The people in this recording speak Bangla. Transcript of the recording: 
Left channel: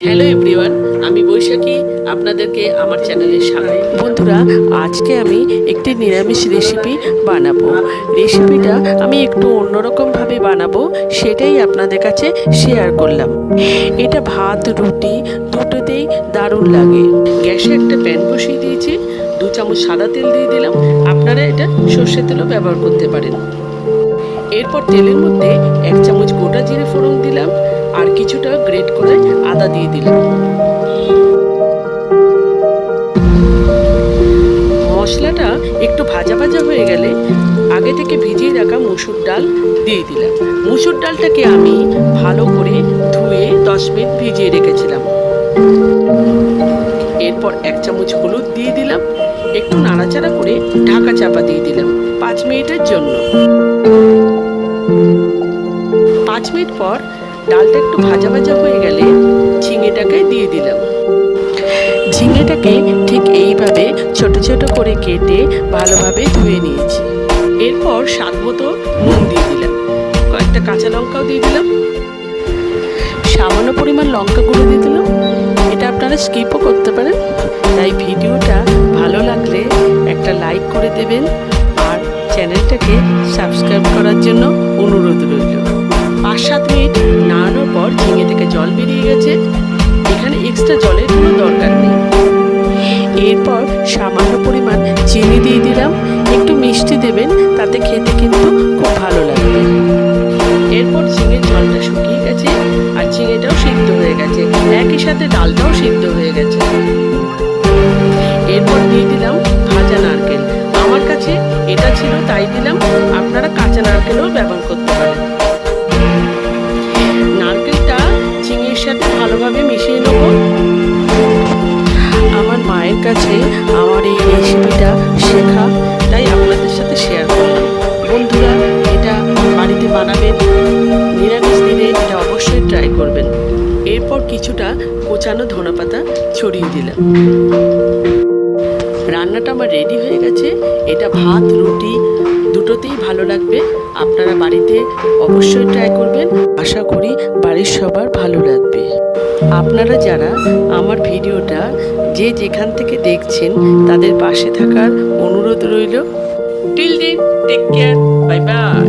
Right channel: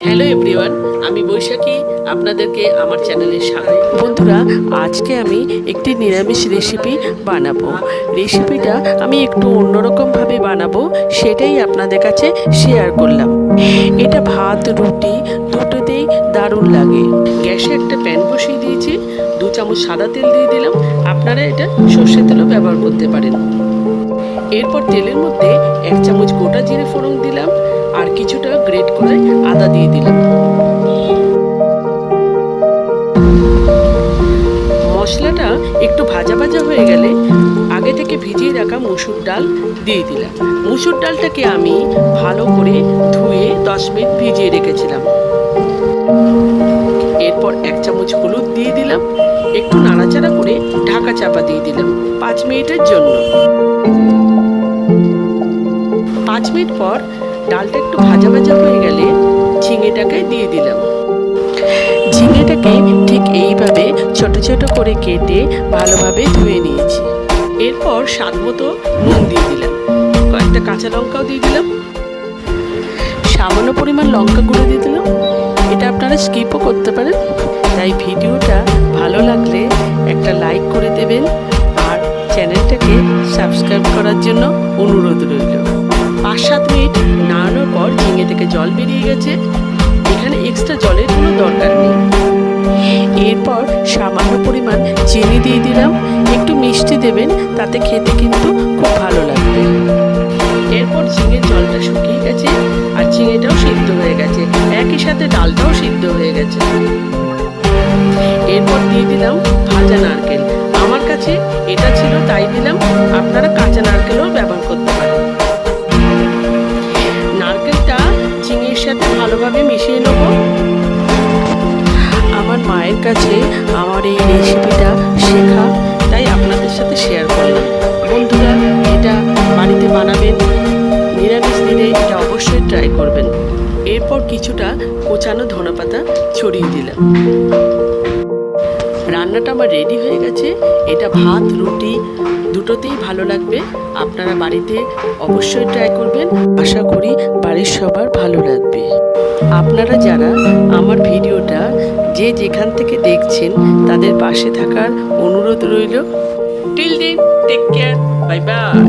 হ্যালো এভরিওয়ান, আমি বৈশাখী, আপনাদেরকে আমার চ্যানেলে স্বাগত। বন্ধুরা, আজকে আমি একটি নিরামিষ রেসিপি বানাবো। রেসিপিটা আমি একটু অন্যরকমভাবে বানাবো, সেটাই আপনাদের কাছে শেয়ার করলাম। এটা ভাত, রুটি, দুটোতেই দারুণ লাগে। গ্যাসে একটা প্যান বসিয়ে দিয়েছি, দু চামচ সাদা তেল দিয়ে দিলাম। আপনারা এটা সর্ষের তেলও ব্যবহার করতে পারেন। এরপর তেলের মধ্যে এক চামচ গোটা জিরে ফোড়ন দিলাম। আর কিছুটা গ্রেট করে আদা দিয়ে দিলাম। মশলাটা একটু ভাজা ভাজা হয়ে গেলে আগে থেকে ভিজিয়ে রাখা মুসুর ডাল দিয়ে দিলাম। মুসুর ডালটাকে আমি ভালো করে ধুয়ে দশ মিনিট ভিজিয়ে রেখেছিলাম। এরপর এক চামচ হলুদ দিয়ে দিলাম। একটু নাড়াচাড়া করে ঢাকা চাপা দিয়ে দিলাম পাঁচ মিনিটের জন্য। পাঁচ মিনিট পর ডালটা একটু ভাজা ভাজা হয়ে গেলে ঝিঙেটাকে দিয়ে দিলাম। ঝিঙেটাকে ঠিক এইভাবে ছোট ছোট করে কেটে ভালোভাবে ধুয়ে নিয়েছি। এরপর স্বাদ মতো নুন দিয়ে দিলাম। কয়েকটা কাঁচা লঙ্কাও দিয়ে দিলাম। সামান্য পরিমাণ লঙ্কা গুঁড়ো দিয়ে দিলাম। এটা আপনারা স্কিপও করতে পারেন। তাই ভিডিওটা ভালো লাগলে একটা লাইক করে দেবেন। আর চ্যানেলটাকে সাবস্ক্রাইব করার জন্য অনুরোধ রইল। পাঁচ সাত মিনিট নাড়ানোর পর ঝিঙে থেকে জল বেরিয়ে গেছে। এখানে এক্সট্রা জলের কোনো দরকার নেই। এরপর সামান্য পরিমাণ চিনি দিয়ে দিলাম। একটু মিষ্টি দেবেন, তাতে খেতে কিন্তু খুব ভালো লাগবে। এরপর ঝিঙের জলটা শুকিয়ে গেছে আর ঝিঙেটাও সিদ্ধ হয়ে গেছে। একই সাথে ডালটাও সিদ্ধ হয়ে গেছে। এরপর দিয়ে দিলাম তাই দিলাম, আপনারা কাঁচা নারকেলও ব্যবহার করতে পারেন। নারকেলটা চিংড়ির সাথে ভালোভাবে মিশিয়ে নেব। আমার মায়ের কাছে আমার এই রেসিপিটা শেখা, তাই আপনাদের সাথে শেয়ার করলাম। বন্ধুরা, এটা বাড়িতে বানাবেন, নিরামিষ দিনে এটা অবশ্যই ট্রাই করবেন। এরপর কিছুটা কোচানো ধনেপাতা ছড়িয়ে দিলাম। রান্নাটা আমার রেডি হয়ে গেছে। এটা ভাত, রুটি, দুটোতেই ভালো লাগবে। আপনারা বাড়িতে অবশ্যই ট্রাই করবেন। আশা করি বাড়ির সবার ভালো লাগবে। আপনারা যারা আমার ভিডিওটা যে যেখান থেকে দেখছেন, তাদের পাশে থাকার অনুরোধ রইল। টিল দিন টেক কেয়ার বাই বাই